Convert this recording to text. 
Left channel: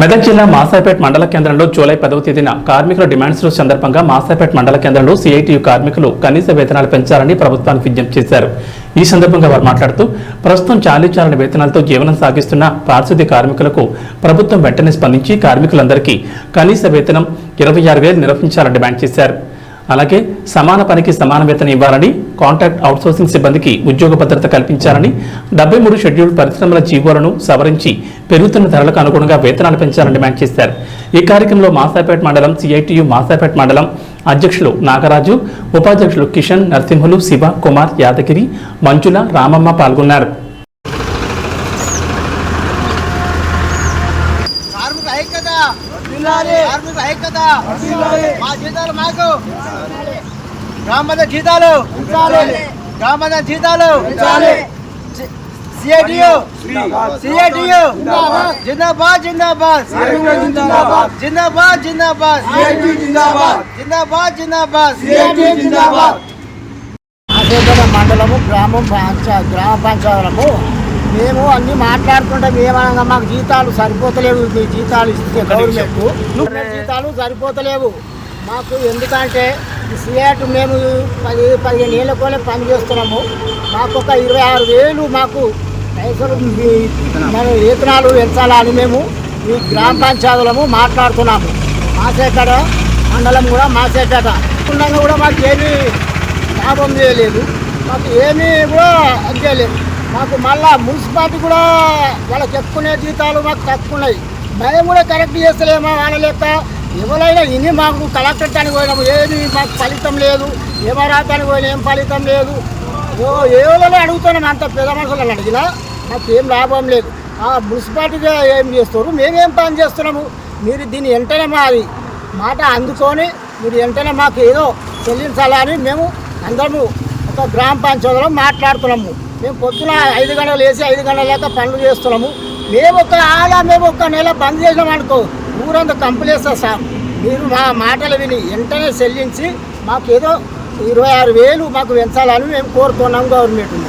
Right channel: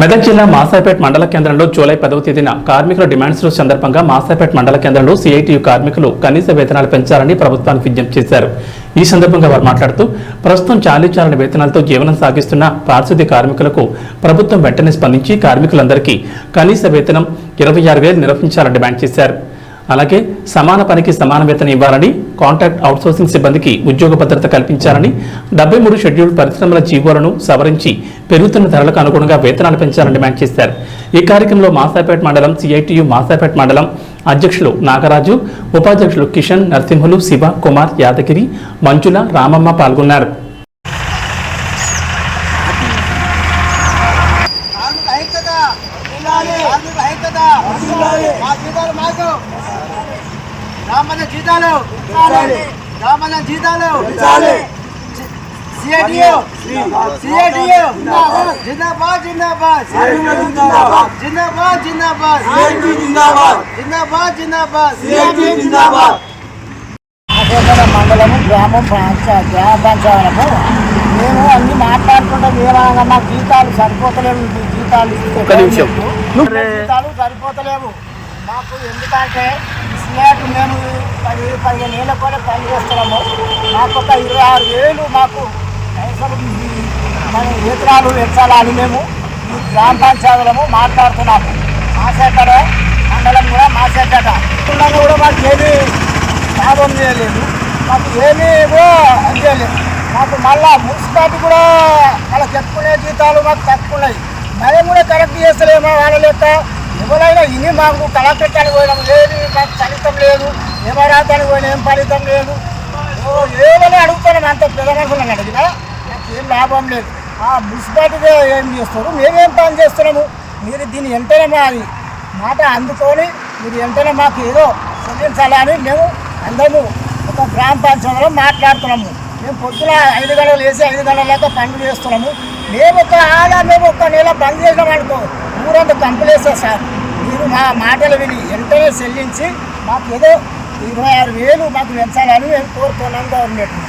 మెదక్ జిల్లా మాసాయిపేట్ మండల కేంద్రంలో జూలై 10వ తేదీన కార్మికుల డిమాండ్స్ రోజు సందర్భంగా మాసాయిపేట్ మండల కేంద్రంలో సిఐటియు కార్మికులు కనీస వేతనాలు పెంచాలని ప్రభుత్వానికి విజ్ఞప్తి చేశారు. ఈ సందర్భంగా వారు మాట్లాడుతూ ప్రస్తుతం చాలీచాలని వేతనాలతో జీవనం సాగిస్తున్న పారిశుద్ధ్య కార్మికులకు ప్రభుత్వం వెంటనే స్పందించి కార్మికులందరికీ కనీస వేతనం 26,000 నిర్వహించాలని డిమాండ్ చేశారు. అలాగే సమాన పనికి సమాన వేతనం ఇవ్వాలని, కాంట్రాక్ట్ అవుట్సోర్సింగ్ సిబ్బందికి ఉద్యోగ భద్రత కల్పించాలని, 73 షెడ్యూల్ పరిశ్రమల జీవోలను సవరించి పెరుగుతున్న ధరలకు అనుగుణంగా వేతనాలు పెంచాలని డిమాండ్ చేశారు. ఈ కార్యక్రమంలో మాసాయిపేట్ మండలం సిఐటియు మాసాయిపేట్ మండలం అధ్యక్షులు నాగరాజు, ఉపాధ్యక్షులు కిషన్, నరసింహులు, శివ, కుమార్, యాదగిరి, మంజుల, రామమ్మ పాల్గొన్నారు. మండలము గ్రామ పంచాయతీలము మేము అన్ని మాట్లాడుకుంటే మేమనగా మాకు జీతాలు సరిపోతలేవు. మీ జీతాలు ఇస్తే జీతాలు సరిపోతలేవు మాకు. ఎందుకంటే ఈ సిఐటి మేము 10-15 ఏళ్ళ కూడా పనిచేస్తున్నాము. మాకు ఒక 26,000 మాకు పైసలు మన వేతనాలు పెంచాలని మేము ఈ గ్రామ పంచాయతీలము మాట్లాడుతున్నాము. మాసేకడ మండలం కూడా మాసేకట కూడా మాకు ఏమీ లాభం చేయలేదు, మాకు ఏమీ కూడా చేయలేదు. మాకు మళ్ళా మున్సిపాలిటీ కూడా వాళ్ళకి చెప్పుకునే జీతాలు మాకు తక్కువ ఉన్నాయి. మేము కూడా కరెక్ట్ చేస్తలేమో వాళ్ళ లెక్క. ఎవరైనా ఇని మాకు కలెక్టర్ అని పోయినాము, ఏది మాకు ఫలితం లేదు. ఎవరాతానికి పోయినా ఏం ఫలితం లేదు. ఏమైనా అడుగుతున్నాం, అంత పెద్ద మనుషులను అడిగినా మాకు ఏం లాభం లేదు. ఆ మున్సిపాలిటీగా ఏం చేస్తారు, మేమేం పని చేస్తున్నాము. మీరు దీన్ని వెంటనే మాది మాట అందుకొని మీరు వెంటనే మాకు ఏదో చెల్లించాలని మేము అందరము ఒక గ్రామ పంచాయతీలో మాట్లాడుతున్నాము. మేము పొద్దున 5 గంటలు వేసి 5 గంటల దాకా పనులు చేస్తున్నాము. మేము ఒక నెల బంద్ చేసినాం అనుకో, ఊరంతా కంపెలేస్తారు సార్. మీరు మా మాటలు విని వెంటనే చెల్లించి మాకు ఏదో 26,000 మాకు పెంచాలని మేము కోరుతున్నాం గవర్నమెంట్ని.